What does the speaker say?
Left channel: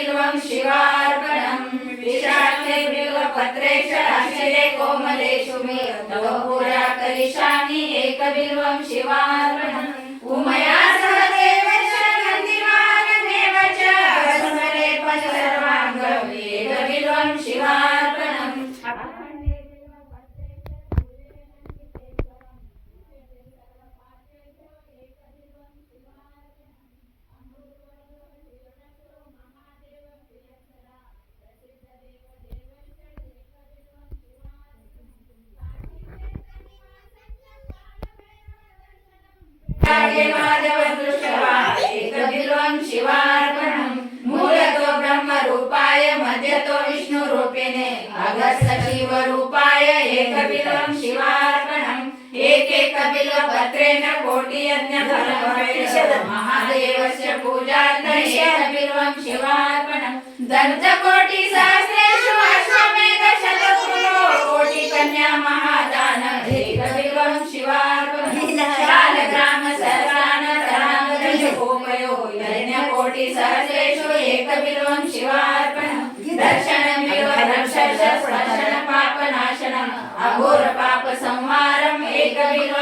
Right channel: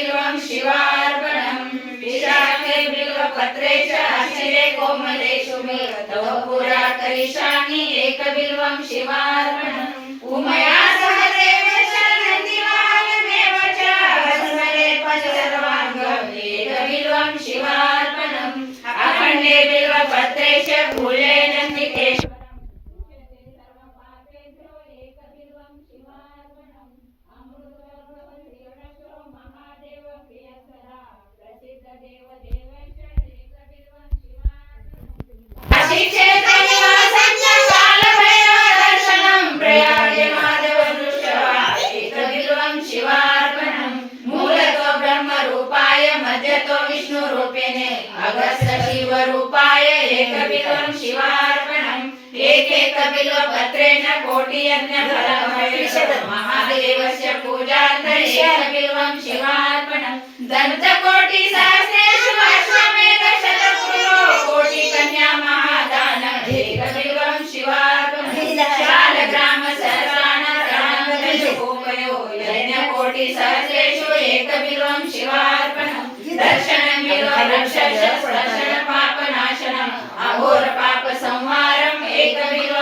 एकबिल्वं शिवार्पणम् विशाखे बिल्वपत्रे च शिरे कोमले शुभे तव पुरा करिष्यामि एकबिल्वं शिवार्पणम् उमया सह देवेश नन्दिवाहनमेव च स्मरे सर्वाङ्गम् एकबिल्वं शिवार्पणम् अखण्डे बिल्वपत्रे च फूले नन्दिकेश्वरम् एकबिल्वं शिवार्पणम् अमृतवर्षो महादेव प्रियसदा प्रसिद्ध देव देवश्च एकबिल्वं शिवार्पणम् काशीक्षेत्र निवासश्च कालभैरवदर्शनं प्रयागे माधवदृष्ट्वा एकबिल्वं शिवार्पणम् मूलतो ब्रह्मरूपाय मध्यतो विष्णुरूपिणे अगस्त्य शिवरूपाय एकबिल्वं शिवार्पणम् एकैकबिल्वपत्रेण कोटियज्ञफलम् महादेवस्य पूजार्थं एकबिल्वं शिवार्पणम् दन्तकोटिसहस्रेषु अश्वमेधशतक्रतुलो कोटिकन्या महादानम् एकबिल्वं शिवार्पणम् शालग्रामसहस्राणतराङ्गदशकोपयो यज्ञकोटिसहस्रेषु एकबिल्वं शिवार्पणम् दर्शनं बिल्ववृक्षस्य स्पर्शनं पापनाशनम् अघोरपापसंहारम् एकबिल्वं